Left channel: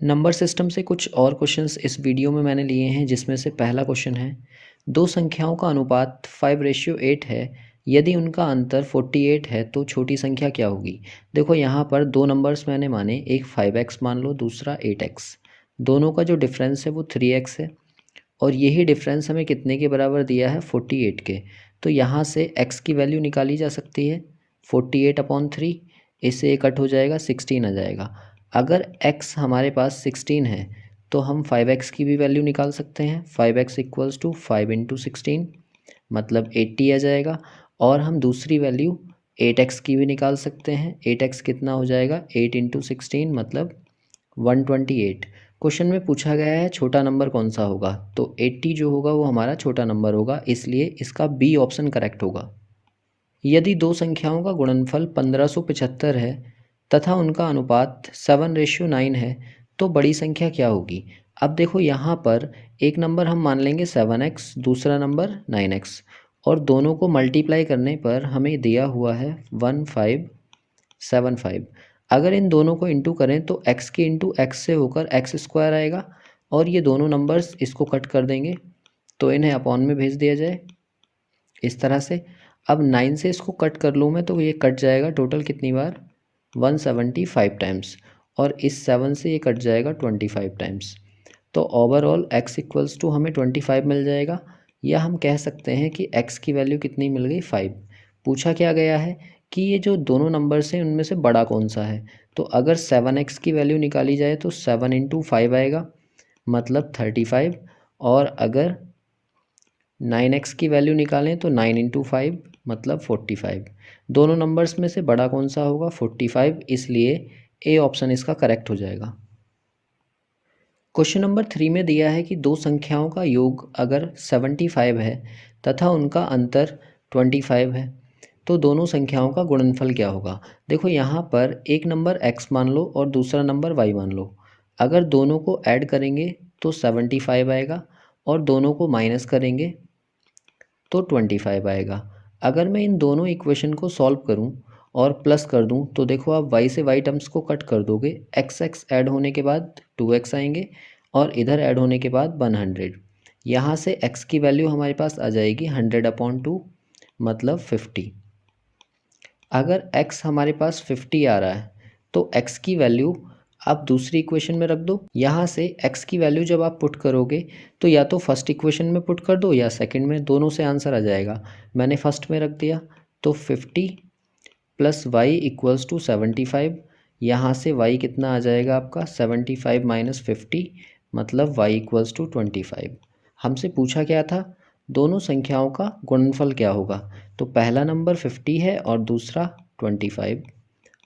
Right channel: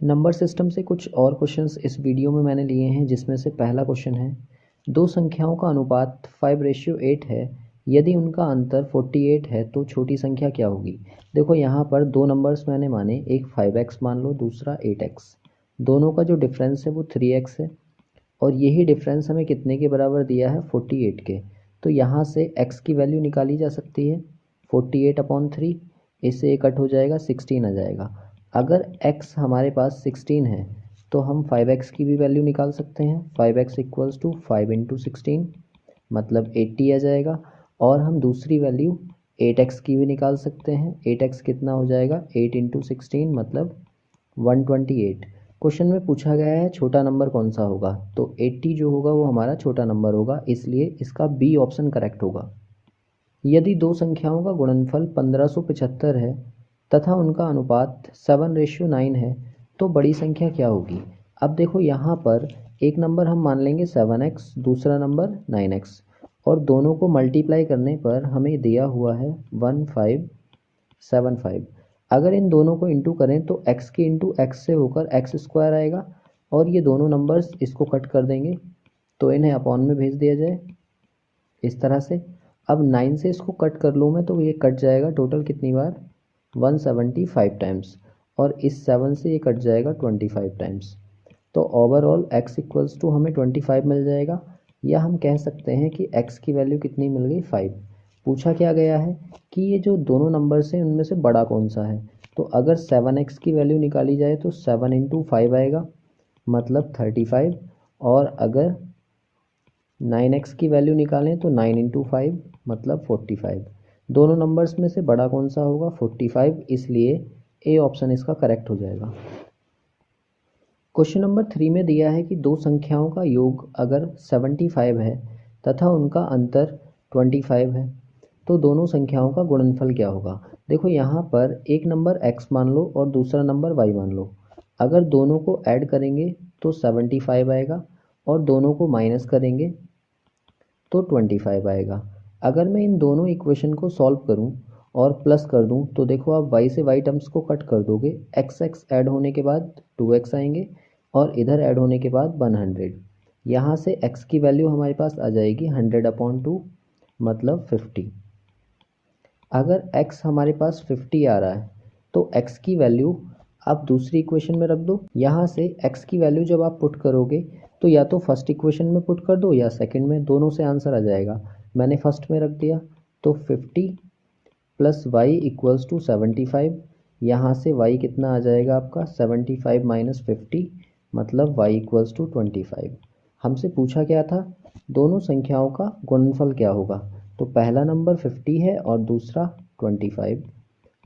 Number system से कुछ और क्वेश्चंस इस वीडियो में मैंने लिए हैं, जिसमें से पहला क्वेश्चन है, दो संख्याओं का अनुपात 5:8 है। यदि उनका अंतर 48 है तो छोटी संख्या क्या होगी। देखो यहाँ पर दो नंबर्स मैंने माने, एक 5x मान लो, दूसरा 8x। दोनों का जो डिफरेंस है वो 3x है, और यही डिफरेंस हमें कितने के बराबर दिया है, 48 के। तो यहाँ से x की वैल्यू निकाली जा सकती है 48/3, इससे ये कट हो जाएगा 16 आ जाएगा। अगर x हमारे पास 16 है तो हम 5x की भी वैल्यू निकाल सकते हैं। 5x इक्वल्स टू 5 × 16 मतलब 80 आ जाएगा। और हम दूसरी वैल्यू 8x की भी निकाल सकते हैं। 8x कितना हो जाएगा, 8 × 16 मतलब 128। क्वेश्चन में पूछा गया है छोटा नंबर कौन सा होगा, तो 80 जो होगा वो हमारा छोटा नंबर होगा, इसलिए इसका बी ऑप्शन करेक्ट होगा। यदि दो संख्याओं का गुणनफल 1575 है तथा उनका अनुपात 7:9 है तो बड़ी संख्या क्या होगी। अब देखो यहाँ पर एक नंबर हम मान लेंगे 7x, दूसरा नंबर 9x, और दोनों को मल्टीप्लाई करने पर हमें दिया हुआ है 1575। अगर इन दोनों को इंटू करें तो x के इंटू एक्स से होकर x² आएगा, और ये दोनों नंबर्स इसको कट कर देंगे, तो इन्हें अपॉन में भेज दिया जाए इस तरह से। अब 9 से इसको कट कर लूँ मैं तो ये कट जाएगा टोटल कितनी बार, 175 टाइम्स, और इस 7 से ये कट जाएगा 25 टाइम्स। तो ओवरऑल x इक्वल्स टू हमें 25 मिल जाएगा, या हम कह सकते हैं कि x की वैल्यू कितनी मिल गई, 5। पूछा क्या गया है कि ये जो दोनों नंबर्स हैं उनमें से बड़ा कौन सा है। तो अगर 7x की वैल्यू निकाली जाए तो 7 × 5 आएगा मतलब 35, और अगर 9x की वैल्यू निकालें तो 9 × 5 मतलब 45। दोनों नंबर्स में से बड़ा कौन सा होगा, 45, इसलिए ए ऑप्शन इसका करेक्ट हो जाएगा। क्वेश्चन नंबर 3 में दिया है कि दो संख्याओं का योग अगर 75 है तथा उनका अंतर 25 है तो दोनों संख्याओं का गुणनफल क्या होगा। देखो यहाँ पर एक नंबर x मान लो और दूसरा नंबर y मान लो। अगर दोनों को ऐड करेंगे तो 75 आएगा, और दोनों को माइनस करेंगे तो 25 आएगा। अगर मैं इन दोनों इक्वेशन को सॉल्व करूं और प्लस कर दूं तो देखो आप y से y टर्म्स को कट कर दोगे, x ऐड होने के बाद 2x आएंगे, और इधर ऐड होने के बाद 100। यहाँ से x की वैल्यू हमारे पास आ जाएगी 100/2 मतलब 50। अगर x हमारे पास 50 आ रहा है तो x की वैल्यू आप दूसरी इक्वेशन में रख दो। यहाँ से x की वैल्यू जब आप पुट करोगे तो या तो फर्स्ट इक्वेशन में पुट कर दो या सेकंड में, दोनों से आंसर आ जाएगा। मैंने फर्स्ट में रख दिया तो 50 + y इक्वल्स टू 75। यहाँ से y कितना आ जाएगा आपका, 75 - 50 मतलब y इक्वल्स टू 25। हमसे पूछा क्या था, दोनों संख्याओं का गुणनफल क्या होगा। तो पहला नंबर 50 है और दूसरा 25,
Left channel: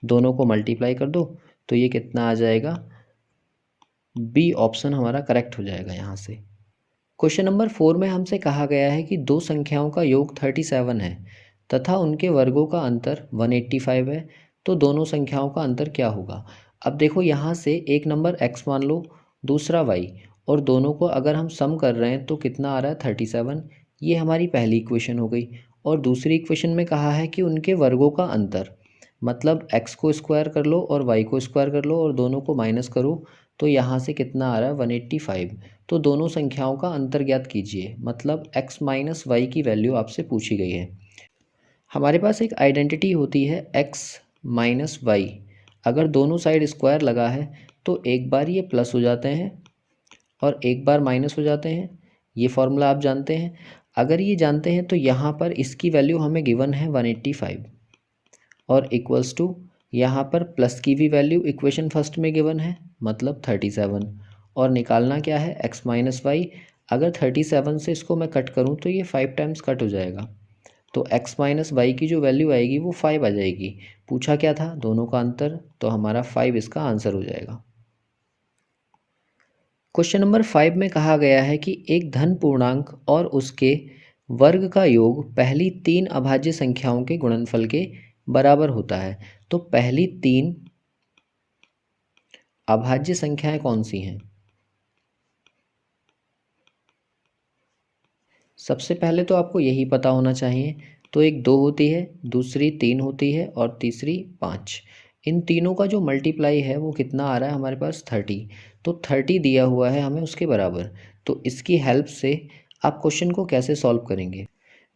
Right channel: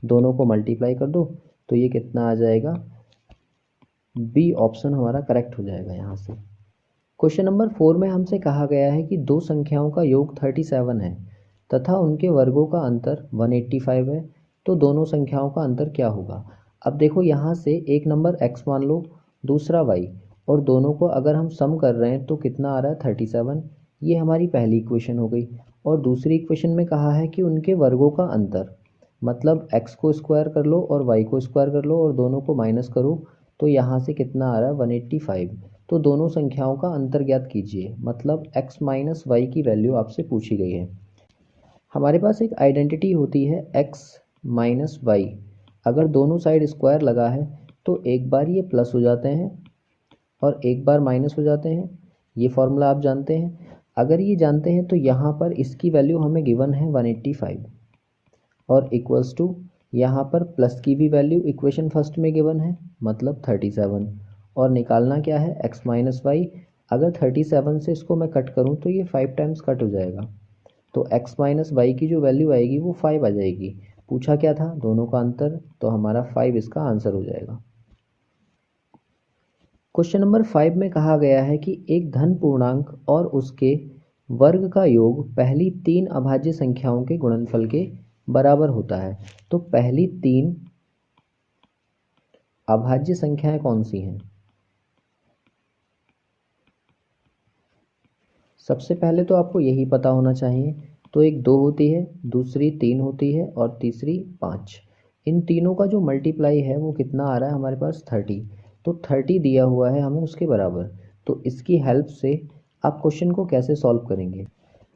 दोनों को मल्टीप्लाई कर दो तो ये कितना आ जाएगा, बी ऑप्शन हमारा करेक्ट हो जाएगा यहाँ से। क्वेश्चन नंबर 4 में हमसे कहा गया है कि दो संख्याओं का योग 37 है तथा उनके वर्गों का अंतर 185 है तो दोनों संख्याओं का अंतर क्या होगा। अब देखो यहाँ से एक नंबर x मान लो, दूसरा y, और दोनों को अगर हम सम कर रहे हैं तो कितना आ रहा है, 37। ये हमारी पहली इक्वेशन हो गई। और दूसरी इक्वेशन में कहा है कि उनके वर्गों का अंतर, मतलब x को स्क्वायर कर लो और y को स्क्वायर कर लो और दोनों को माइनस करो, तो यहाँ से कितना आ रहा है, 185। तो दोनों संख्याओं का अंतर ज्ञात कीजिए, मतलब x - y की वैल्यू आपसे पूछी गई है। हमारे पास एक आइडेंटिटी होती है x - y। अगर दोनों साइड स्क्वायर लगा है तो एक बार ये प्लस हो जाते हैं और एक बार माइनस हो जाते हैं। ये फॉर्मूला आप जानते हैं। अगर ये जानते हैं तो यहाँ पर इसकी वैल्यू हमें गिवन है 185, और इक्वल्स टू यहाँ पर प्लस की भी वैल्यू इक्वेशन फर्स्ट में गिवन है मतलब 37, और निकालना क्या है, x - y। अगर 37 से इसको मैं कट करूँ तो ये 5 टाइम्स कट हो जाएगा, तो x - y की जो वैल्यू आएगी वो 5 आ जाएगी। पूछा क्या था, दोनों का अंतर, तो हमारा 5 इसका आंसर हो जाएगा। क्वेश्चन नंबर 5 में कहा गया है कि एक धन पूर्णांक और उसके वर्ग का योग पहली 3 अभाज्य संख्याओं के गुणनफल के बराबर होता है। तो पहली 3 अभाज्य संख्याएं कौन सी हैं। सबसे पहले तो आपको यही पता होना चाहिए। तो एक 2 होती है, दूसरी 3 होती है और तीसरी 5। इन तीनों का जो मल्टीप्लाई है वो कितना आ रहा है हमारे पास 30। तो 30 दिया हुआ है हमें उसके बराबर। तो इसकी हेल्प से आप क्वेश्चन को कैसे सॉल्व करेंगे।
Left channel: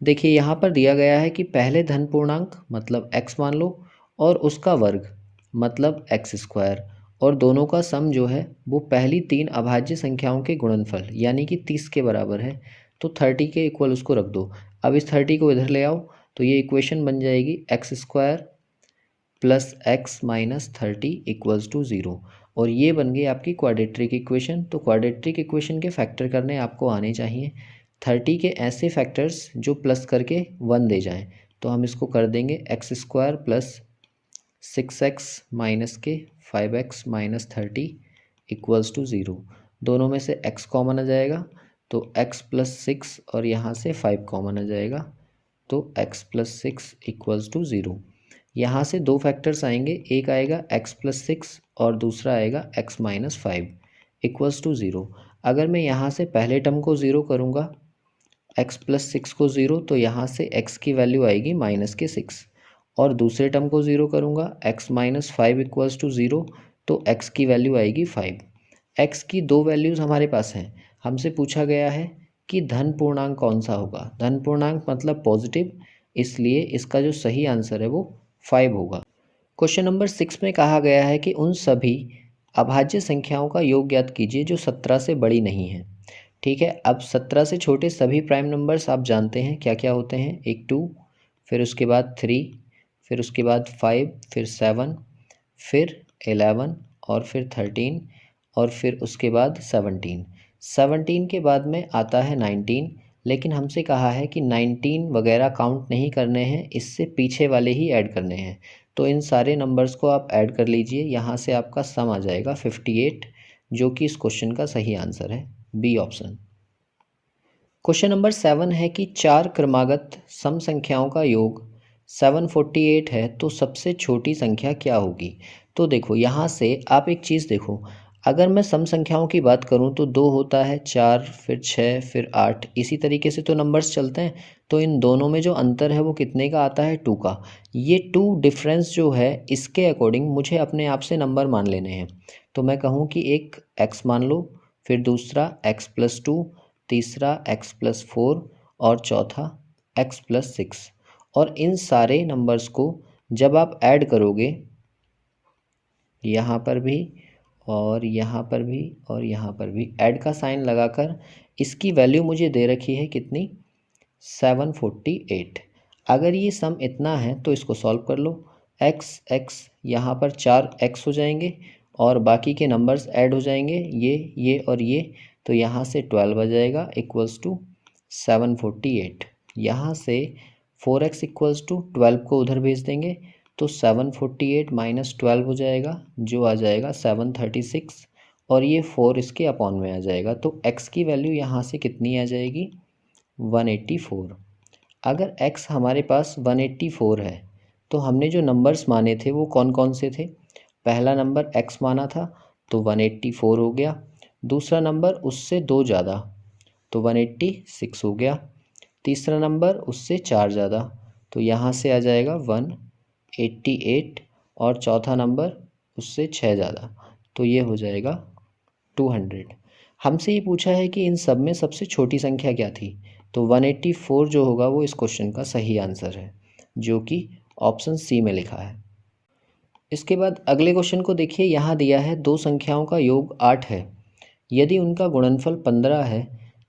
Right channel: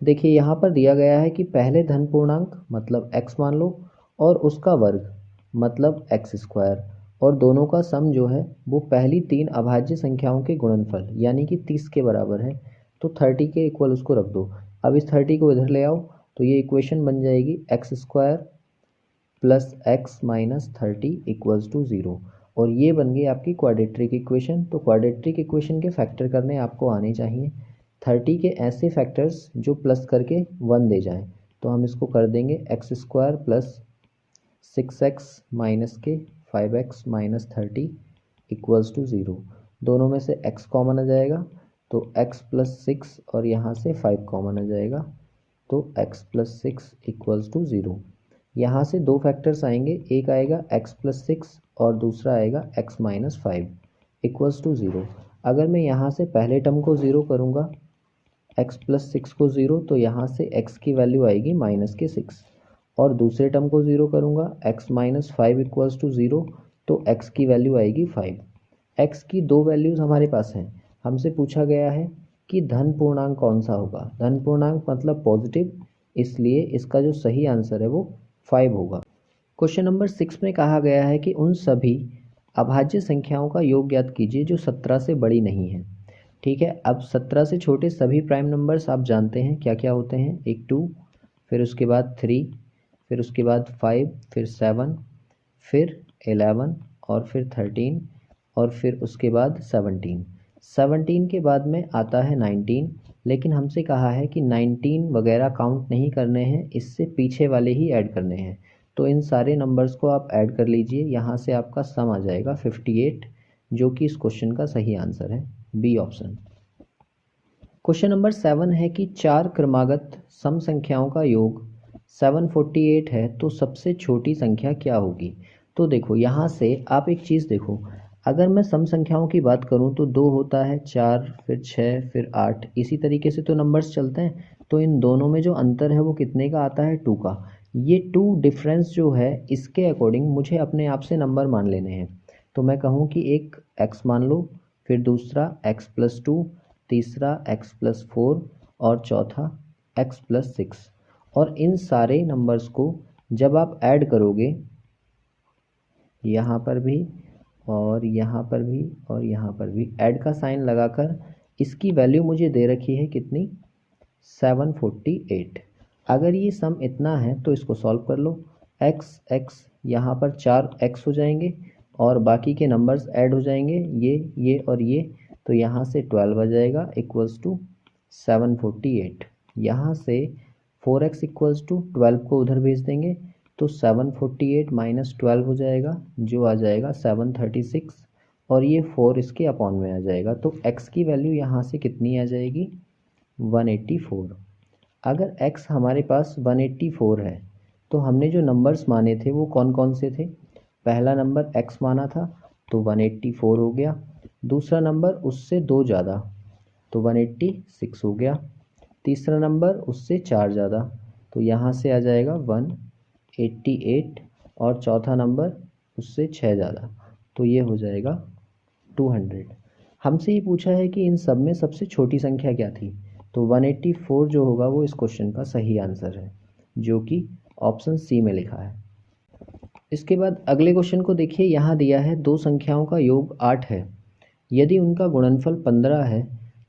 देखिए यहाँ पर दिया गया है कि पहले धन पूर्णांक मतलब x मान लो और उसका वर्ग मतलब एक्स स्क्वायर, और दोनों का सम जो है वो पहली तीन अभाज्य संख्याओं के गुणनफल यानी कि 30 के बराबर है। तो 30 के इक्वल उसको रख दो। अब इस 30 को इधर ले आओ तो ये इक्वेशन बन जाएगी x square plus x minus 30 equals to 0। और ये बन गई आपकी क्वाड्रेटिक इक्वेशन। तो क्वाड्रेटिक इक्वेशन के फैक्टर करने आपको आने चाहिए 30 के ऐसे फैक्टर्स जो प्लस करके 1 दे जाएं। तो हम इसको कर देंगे x square plus 6x minus के 5x माइनस 30 इक्वल्स टू 0। दोनों में से x कॉमन आ जाएगा तो x प्लस 6 और यहाँ से 5 कॉमन आ जाएगा तो x प्लस 6 इक्वल्स टू 0। यहाँ से दो फैक्टर्स आएंगे, एक आएगा x प्लस 6 और दूसरा आएगा x माइनस 5 इक्वल्स टू 0। अगर मैं यहाँ से पहले टर्म को 0 करूँगा x प्लस 6 को 0 तो यहाँ से x की वैल्यू आएगी माइनस के 6, और दूसरे टर्म को 0 करूँगा x माइनस 5 इक्वल्स टू 0 तो x की वैल्यू आएगी 5। x की दो वैल्यूज़ हमारे पास हैं। हमसे पूछा गया है कि धन पूर्णांक कौन सा होगा। धन पूर्णांक मतलब पॉजिटिव, इसलिए इसका जो सही आंसर है वो 5 होगा। क्वेश्चन नंबर 6 में कहा गया है कि उन सभी अभाज्य संख्याओं का योग ज्ञात कीजिए जो 17 से बड़ी नहीं है। ठीक है, अब 17 से छोटे सभी प्राइम नंबर्स आप जानते हैं क्या क्या होते हैं। एक 2, फिर उसके बाद 3, फिर उसके बाद 5, फिर 7, फिर 11 और फिर 13 और फिर उसके बाद 17। 17 के बाद में आता है 19, लेकिन हमसे कहा है कि 19 वगैरह काउंट नहीं करने हैं, इससे पीछे वाले ही ऐड करने हैं। तो इन सारे नंबर्स को आप ऐड कर लीजिए, यहाँ से आपका सम आ जाएगा 58, जो कि इस क्वेश्चन का सही आंसर है, बी ऑप्शन। क्वेश्चन नंबर 7 है कि चार क्रमागत सम संख्याओं का योग 748 है तो सबसे छोटी संख्या क्या होगी। तो देखो यहाँ से आप एक चीज़ देखो, अगर मैं सम संख्याओं की बात करूँ तो 2 होता है, 4, फिर 6, फिर 8, इसी तरीके से तो नंबर्स चलते हैं। तो इन दोनों में जो अंतर है वो कितने का आता है, 2 का। ये 2 डिफरेंस जो है इसके अकॉर्डिंग मुझे अपने आप से नंबर मान लेने हैं। तो मैं कहूँ कि एक x मान लो, फिर दूसरा x प्लस 2, तीसरा x प्लस 4 और चौथा x प्लस 6। और इन सारे नंबर्स को जब आप ऐड करोगे, यहाँ पर भी और यहाँ पर भी और यहाँ पर भी ऐड का साइन लगाकर, इसकी वैल्यू मुझे दे रखी है कितनी, 748। अगर ये सम इतना है तो इसको सॉल्व कर लो। x यहाँ पर 4x हो जाएंगे और बाकी के नंबर्स ऐड हो जाएंगे, ये और ये, तो यहाँ से 12 आ जाएगा इक्वल्स टू 748। यहाँ से 4x इक्वल्स टू 12 को उधर भेज देंगे तो 748 माइनस 12 हो जाएगा, जो आ जाएगा 736, और ये 4 इसके अपॉन में आ जाएगा। तो x की वैल्यू यहाँ से कितनी आ जाएगी, 184। अगर x हमारे पास 184 है तो हमने जो नंबर्स माने थे वो कौन कौन से थे। पहला नंबर x माना था तो 184 हो गया, दूसरा नंबर उससे 2 ज़्यादा तो 186 हो गया, तीसरा नंबर उससे 4 ज़्यादा तो यहाँ से आ जाएगा 188, और चौथा नंबर उससे 6 ज़्यादा तो ये हो जाएगा 200। हमसे ये पूछा है कि इन सब में सबसे छोटी संख्या क्या थी, तो 184 जो होगा वो इस क्वेश्चन का सही आंसर है, जो कि ऑप्शन सी में लिखा है। इसके बाद अगले क्वेश्चन को देखिए, यहाँ दिया है दो संख्याओं का योग 8 है, यदि उनका गुणनफल 15 है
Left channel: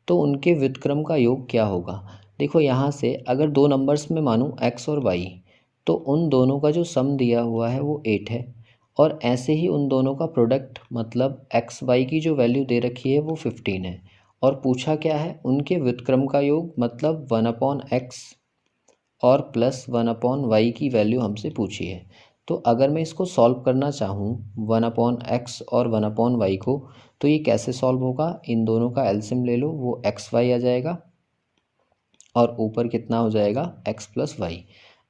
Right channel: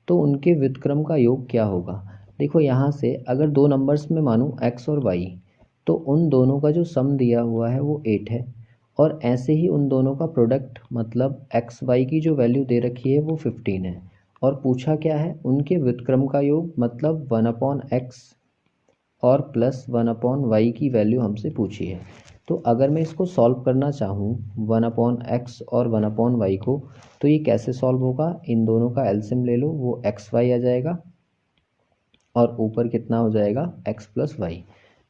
तो उनके व्युत्क्रम का योग क्या होगा। देखो यहाँ से अगर दो नंबर्स में मानो x और y, तो उन दोनों का जो सम दिया हुआ है वो 8 है, और ऐसे ही उन दोनों का प्रोडक्ट मतलब एक्स वाई की जो वैल्यू दे रखी है वो 15 है, और पूछा क्या है, उनके व्युत्क्रम का योग मतलब 1/x और प्लस 1/y की वैल्यू हमसे पूछी है। तो अगर मैं इसको सॉल्व करना चाहूँ 1/x और 1/y को, तो ये कैसे सॉल्व होगा, इन दोनों का एलसीएम ले लो, वो xy आ जाएगा और ऊपर कितना हो जाएगा x plus y.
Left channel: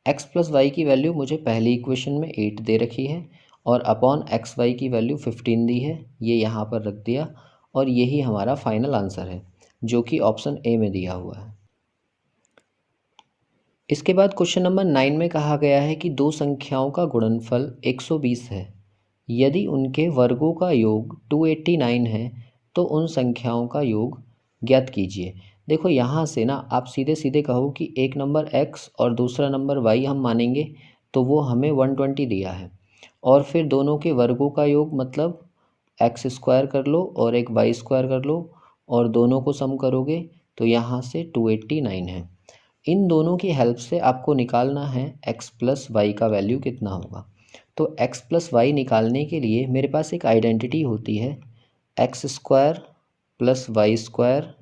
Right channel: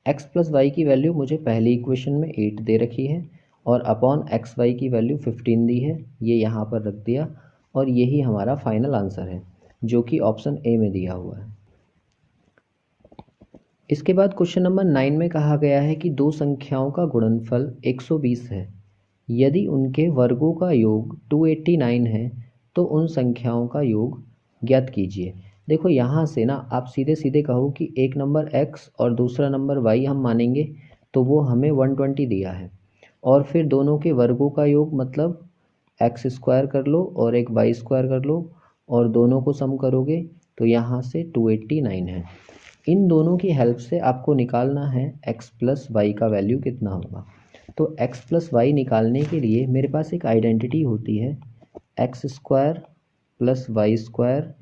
X plus y की वैल्यू मुझे पहली इक्वेशन में 8 दे रखी है और अपॉन एक्स वाई की वैल्यू 15 दी है, ये यहाँ पर रख दिया, और यही हमारा फाइनल आंसर है जो कि ऑप्शन ए में दिया हुआ है। इसके बाद क्वेश्चन नंबर 9 में कहा गया है कि दो संख्याओं का गुणनफल 120 है। यदि उनके वर्गों का योग 289 है तो उन संख्याओं का योग ज्ञात कीजिए। देखो यहाँ से ना आप सीधे सीधे कहो कि एक नंबर x और दूसरा नंबर y हम मानेंगे तो वो हमें 120 दिया है, और फिर दोनों के वर्गों का योग मतलब एक्स स्क्वायर कर लो और एक वाई स्क्वायर कर लो और दोनों को सम करोगे तो यहाँ से 289 है। इन दोनों की हेल्प से आपको निकालना है x प्लस वाई का वैल्यू कितना होगा। तो x प्लस वाई निकालने के लिए मेरे पास एक आइडेंटिटी होती है, x square plus y square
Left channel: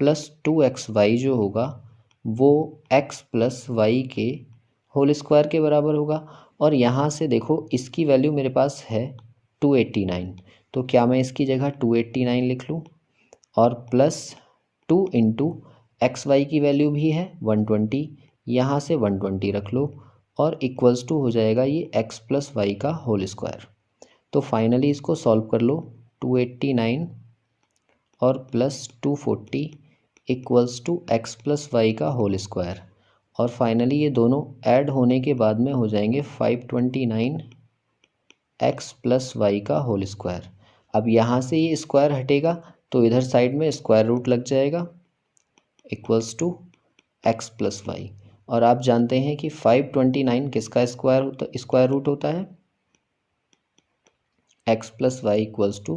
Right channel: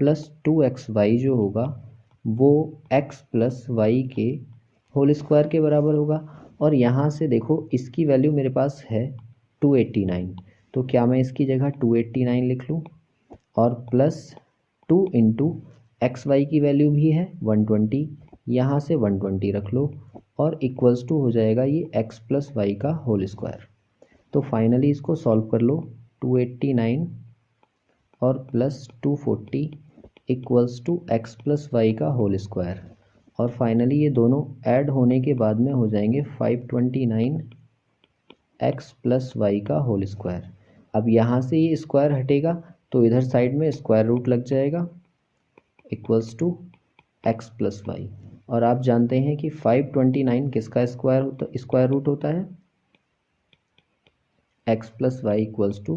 plus 2xy जो होगा वो x प्लस वाई के होल स्क्वायर के बराबर होगा। और यहाँ से देखो इसकी वैल्यू मेरे पास है 289, तो क्या मैं इसकी जगह 289 लिख लूँ और प्लस 2 इंटू एक्स वाई की वैल्यू भी है 120, यहाँ से 120 रख लो और इक्वल्स टू हो जाएगा ये x प्लस वाई का होल स्क्वायर। तो फाइनली इसको सॉल्व कर लो, 289 और plus 240 equals to x plus y का होल स्क्वायर, और फाइनली ये दोनों ऐड होने के बाद में हो जाएंगे 529 एक्स प्लस वाई का होल स्क्वायर। अब यहाँ से ये स्क्वायर हटेगा तो इधर साइड में स्क्वायर रूट लग जाएगा equals to x plus y. और आप जानते हैं कि 529 किसका स्क्वायर रूट होता है, x plus y equals to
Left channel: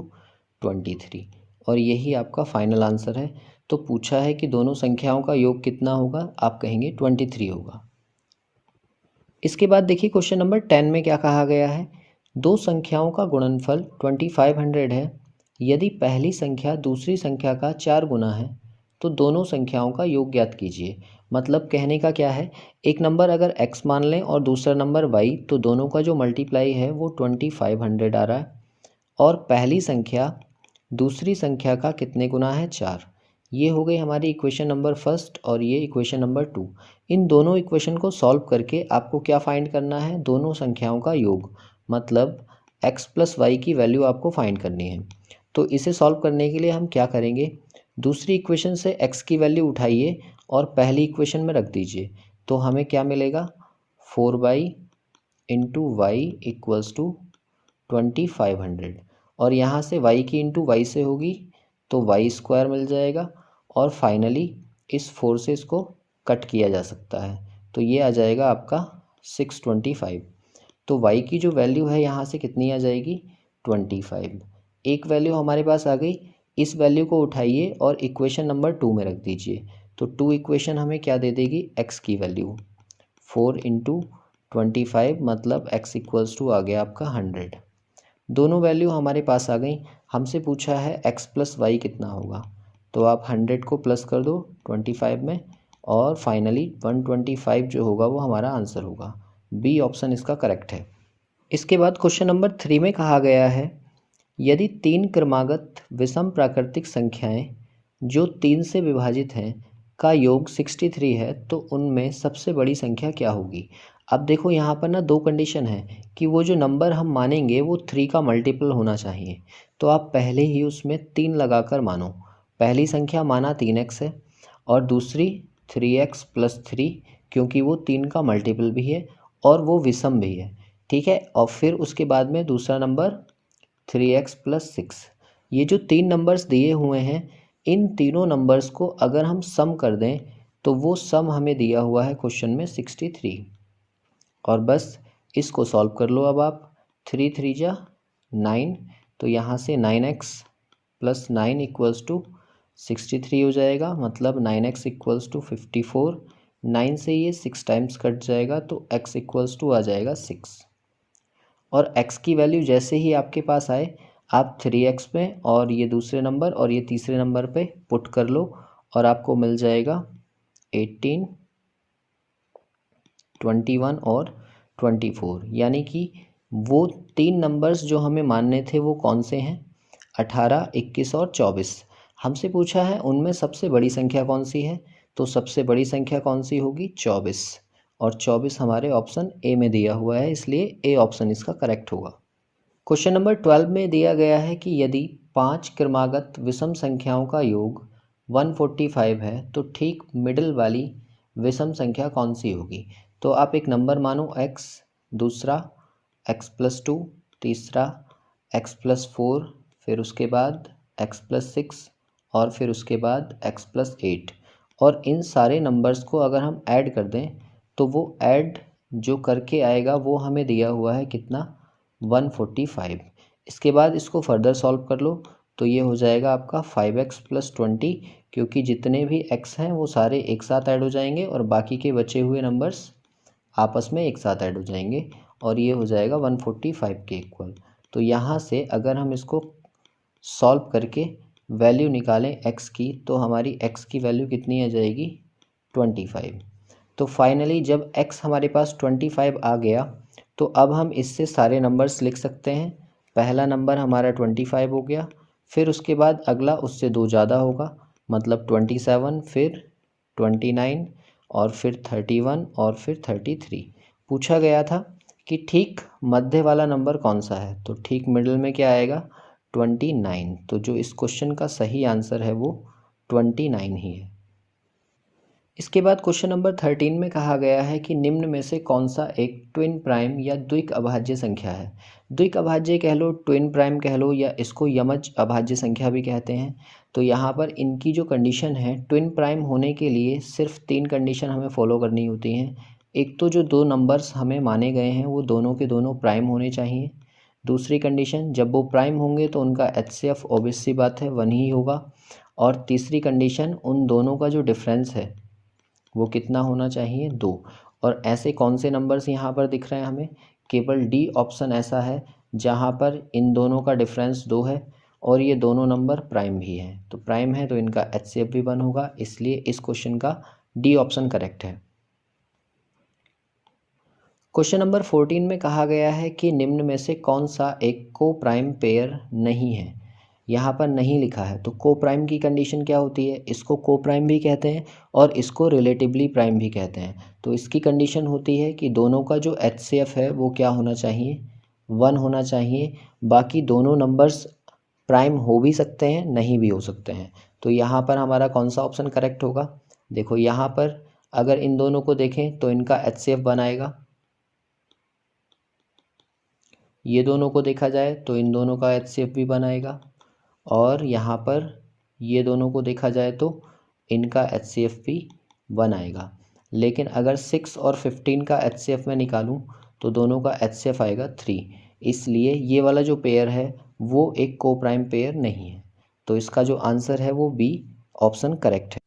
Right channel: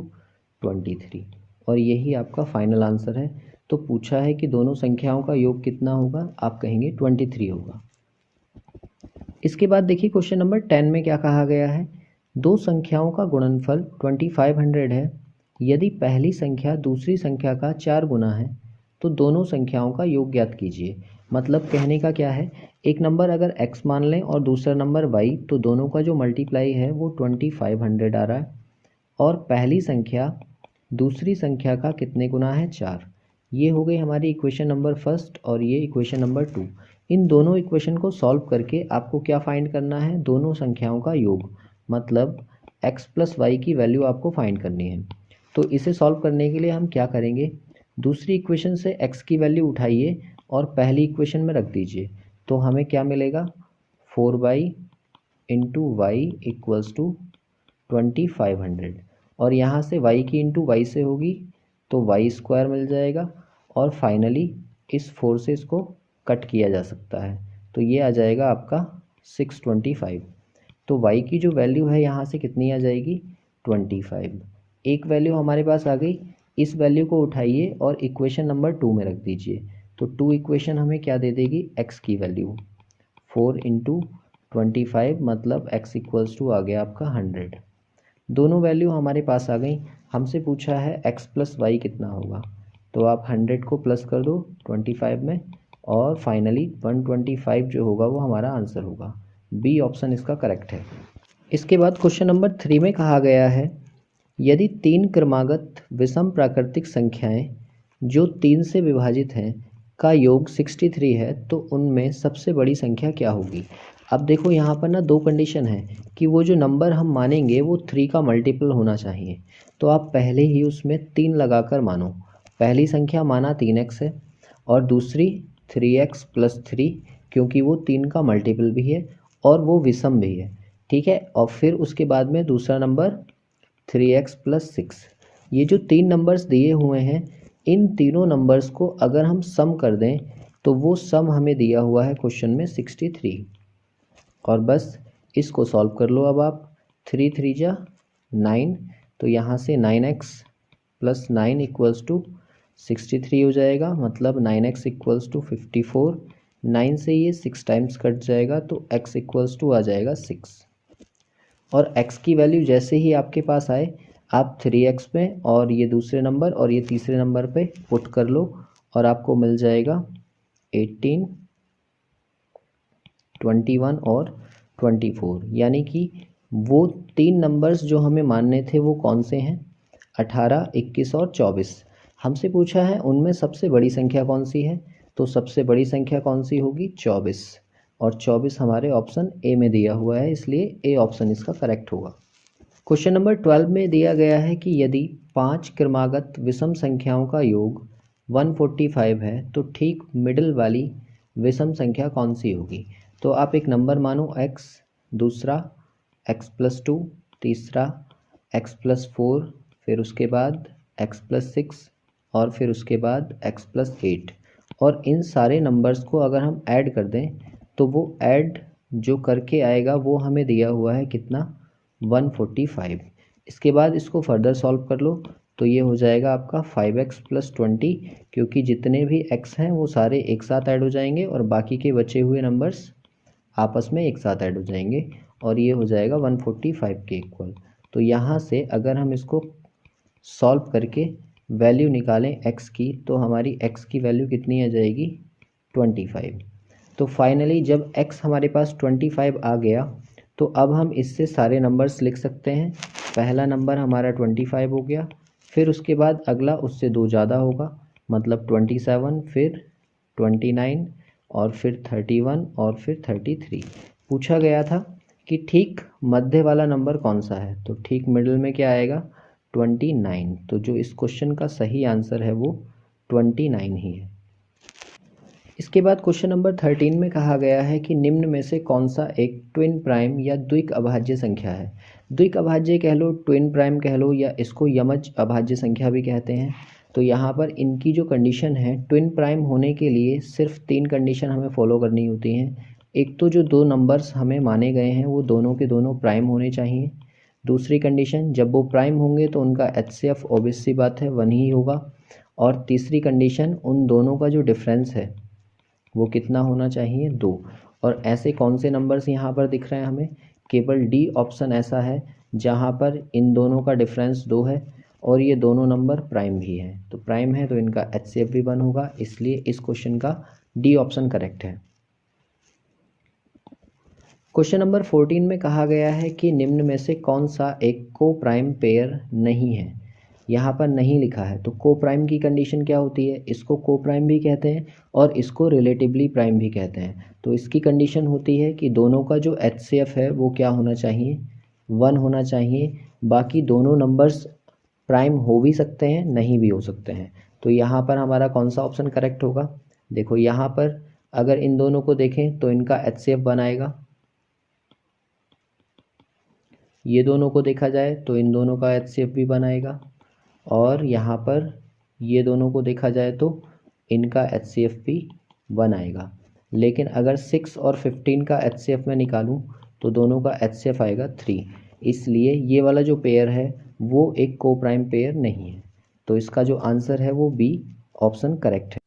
23, और यही आपका फाइनल आंसर है। तो पूछा है कि दोनों संख्याओं का योग कितना होगा, आप कहेंगे 23 होगा। इसके बाद देखिए क्वेश्चन नंबर 10 में क्या कहा गया है, दो संख्याओं का गुणनफल 2500 है। यदि पहली संख्या दूसरी संख्या का 4 गुना है तो दोनों संख्याओं का योग ज्ञात कीजिए। मतलब कहने का क्या है, एक नंबर अगर x मान लें और दूसरा नंबर y, तो दोनों का जो मल्टीप्लाई है वो 2500 आ रहा है, और पहली संख्या दूसरी संख्या का कितने गुना है, 4। ये हो गई हमारी इक्वेशन नंबर फर्स्ट और ये इक्वेशन नंबर 2। इन दोनों इक्वेशन को सॉल्व करके आपको क्या फाइंड करना है, दोनों संख्याओं का योग, मतलब x प्लस वाई की वैल्यू आपको फाइंड करनी है। तो इसे सॉल्व करने के लिए हम क्या करेंगे, दूसरी इक्वेशन से x की वैल्यू उठाइए और पहली इक्वेशन में रख दीजिए। तो हमें क्या मिलेगा, 4y into Y equals to 2500, और यहाँ से y की इंटू वाई से होगी तो वाई स्क्वायर मिल जाएगा, और फाइनली इस 4 से इसको कट किया जा सकता है तो ये आ जाएगा आपका 625। तो y की जो वैल्यू है यहाँ से कितनी आ जाएगी, 25। एक वैल्यू हमारे पास आ गई, इस वैल्यू को उठाइए और इक्वेशन नंबर 2 में रख दीजिए। तो 2 इक्वेशन हमें क्या दे देगी, x की वैल्यू 4 इंटू 25, मतलब x इक्वल्स टू आ गया आपका 100। दोनों वैल्यू हमारे पास आ गई। हमसे पूछा है x प्लस वाई कितना होगा, तो आप 100 को प्लस कर दो 25 में और फाइनली 125 जो होगा वो हमारा आंसर होगा। बी ऑप्शन इसका करेक्ट है। इसके बाद क्वेश्चन नंबर 3 में कहा गया है, यदि 3 क्रमागत विषम प्राकृतिक संख्याएं जो 3 से विभाजित हैं का योग 63 है तो उनमें सबसे बड़ी संख्या क्या होगी। अब देखो यहाँ पर ना दो कंडीशन है कि वो जो नंबर हम मानेंगे वो 3 का मल्टीपल होना चाहिए। तो आप पहले ही उसमें 3 लगाकर मानो। पहली संख्या माना 3x है और दूसरी 3x प्लस 3, क्योंकि वो 3 का मल्टीपल भी है और वो विषम भी है, ठीक है। और फिर उसके बाद में दूसरा नंबर 3x प्लस 6। ये जो 3 नंबर्स दिए हुए हैं, इन तीनों नंबर्स को अगर हम सम कर दें तो वो सम हमें दिया हुआ है क्वेश्चन में 63, और बस इसको सॉल्व कर लो। अब आप 3 3 जा 9, तो यहाँ से 9x प्लस 9 इक्वल्स टू 63 हो जाएगा, मतलब 9x इक्वल्स टू 54। 9 से ये 6 टाइम्स कट जाएगा तो x इक्वल्स टू आ जाएगा 6, और x की वैल्यू जैसे ही आपके पास आए आप 3x में और ये दूसरे नंबर और ये तीसरे नंबर पे पुट कर लो और आपको मिल जाएगा 18, 21 और 24। यानी कि वो 3 नंबर्स जो हमें मानने थे वो कौन से हैं, 18, 21 और 24। हमसे पूछा है उनमें सबसे बड़ी संख्या कौन सी है, तो सबसे बड़ी संख्या कौन सी होगी, 24, और 24 हमारे ऑप्शन ए में दिया हुआ है, इसलिए ए ऑप्शन इसका करेक्ट होगा। क्वेश्चन नंबर 12 में दिया गया है कि यदि 5 क्रमागत विषम संख्याओं का योग 145 है तो ठीक मिडिल वाली विषम संख्या कौन सी होगी। तो आप एक नंबर मानो x, दूसरा x+2, तीसरा x+4, फिर उसके बाद x+6 और फिर उसके बाद x+8, और इन सारे नंबर्स को अगर हम ऐड कर दें तो वो ऐड जो करके आएगा वो हमें दिया हुआ है कितना, 145। इसके बाद इसको फर्दर सॉल्व कर लो तो ये हो जाएगा आपका 5x+20, क्योंकि जितने भी x हैं वो सारे एक साथ ऐड हो जाएंगे और बाकी के बचे हुए नंबर्स आपस में एक साथ ऐड हो जाएंगे और ये हो जाएगा 145 के इक्वल। तो यहाँ से अगर हम इसको सॉल्व करके वैल्यू निकालें x की तो हमारी x की वैल्यू कितनी आ जाएगी, 25। तो फाइनली जब x हमारे पास 25 आ गया तो अब हम इससे सारे नंबर्स लिख सकते हैं। पहला नंबर हमारा 25 हो गया, फिर उसके बाद अगला उससे 2 ज़्यादा होगा मतलब 27, फिर 29 और फिर 31 और फिर 33। पूछा गया था कि ठीक मध्य वाला नंबर कौन सा है, तो ठीक मिडिल में क्या आएगा, 29। तो जो इस क्वेश्चन का सही आंसर है वो 29 ही है। इसके बाद क्वेश्चन नंबर 13 में कहा गया है कि निम्न में से कौन सा एक ट्विन प्राइम या द्विक अभाज्य संख्या है। द्विक अभाज्य कह लो, ट्विन प्राइम कह लो, या इसको यमज अभाज्य संख्या भी कहते हैं। तो यहाँ पर इनकी जो कंडीशन है, ट्विन प्राइम होने के लिए सिर्फ 3 कंडीशन हमें फॉलो करनी होती हैं। एक तो जो 2 नंबर्स हमें माने गए हैं वो दोनों के दोनों प्राइम होने चाहिए। दूसरी कंडीशन, जब वो प्राइम होंगे तो उनका HCF ऑब्वियस सी बात है 1 ही होगा। और तीसरी कंडीशन, उन दोनों का जो डिफरेंस है वो कितना होना चाहिए, 2। और ऐसे कौन से नंबर्स यहाँ पर दिख रहे हैं हमें, केवल डी ऑप्शन ऐसा है जहाँ पर इन दोनों का डिफरेंस 2 है और ये दोनों नंबर प्राइम भी हैं। तो प्राइम है तो इनका HCF भी 1 होगा, इसलिए इस क्वेश्चन का डी ऑप्शन करेक्ट है। क्वेश्चन नंबर 14 में कहा गया है कि निम्न में से कौन सा एक को प्राइम पेयर नहीं है। यहाँ पर नहीं लिखा है, तो को प्राइम की कंडीशन क्या होती है, इसको को प्राइम भी कहते हैं और इसको रिलेटिवली प्राइम भी कहते हैं। तो इसकी कंडीशन होती है कि दोनों का जो HCF है वो क्या होना चाहिए, 1 होना चाहिए। बाकी दोनों नंबर्स प्राइम हो भी सकते हैं, नहीं भी हो सकते हैं। तो यहाँ पर हमारा कौन सा ऑप्शन करेक्ट होगा, देखो यहाँ पर अगर इन दोनों को देखें तो इनका HCF 1 आएगा, ये दोनों को देखा जाए तो इन दोनों का HCF भी 1 आएगा, और यहाँ पर ये दोनों को देखा जाए तो इनका HCF भी 1 आएगा। लेकिन अगर 6 और 15 का HCF मैं निकालूं तो दोनों का HCF आएगा 3, इसलिए ये वाला जो पेयर है वो एक को प्राइम पेयर नहीं है। तो इसका जो आंसर है वो बी ऑप्शन करेक्ट है।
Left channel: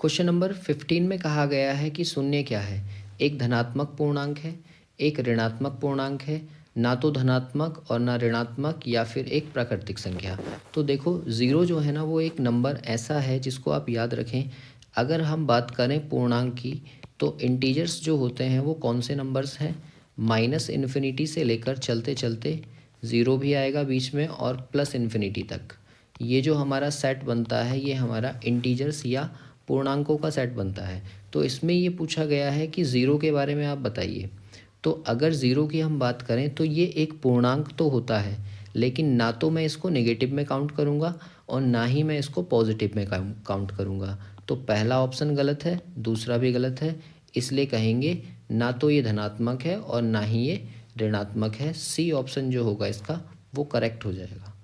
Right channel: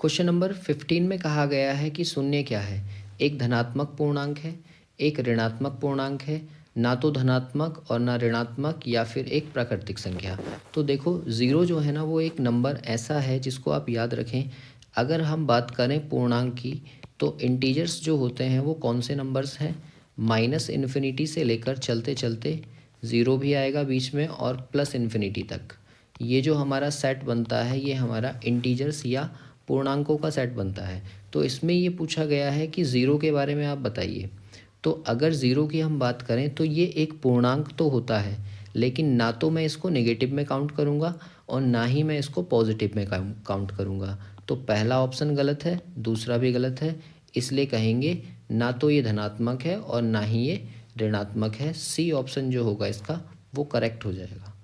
क्वेश्चन नंबर 15 में कहा गया है कि शून्य क्या है, एक धनात्मक पूर्णांक है, एक ऋणात्मक पूर्णांक है, ना तो धनात्मक और ना ऋणात्मक, या फिर एक प्राकृतिक संख्या। तो देखो ज़ीरो जो है ना वो एक नंबर ऐसा है जिसको आप याद रखें। अगर हम बात करें पूर्णांक की तो इंटीजर्स जो होते हैं वो कौन से नंबर्स हैं, -इन्फिनिटी से लेकर चलते चलते ज़ीरो भी आएगा बीच में और +इन्फिनिटी तक। ये जो हमारा सेट बनता है ये हमारा इंटीजर्स या पूर्णांकों का सेट बनता है। तो इसमें ये पूछा गया है कि ज़ीरो के बारे में आप बताइए। तो अगर ज़ीरो की हम बात करें तो ये एक पूर्णांक तो होता है, लेकिन ना तो मैं इसको नेगेटिव में काउंट करूँगा और ना ही मैं इसको पॉजिटिव में काउंट करूँगा। तो पहला ऑप्शन गलत है, दूसरा भी गलत है, इसलिए कहेंगे ना तो ये धनात्मक है और ना ही ये ऋणात्मक है। सी ऑप्शन जो होगा इसका वो करेक्ट हो जाएगा।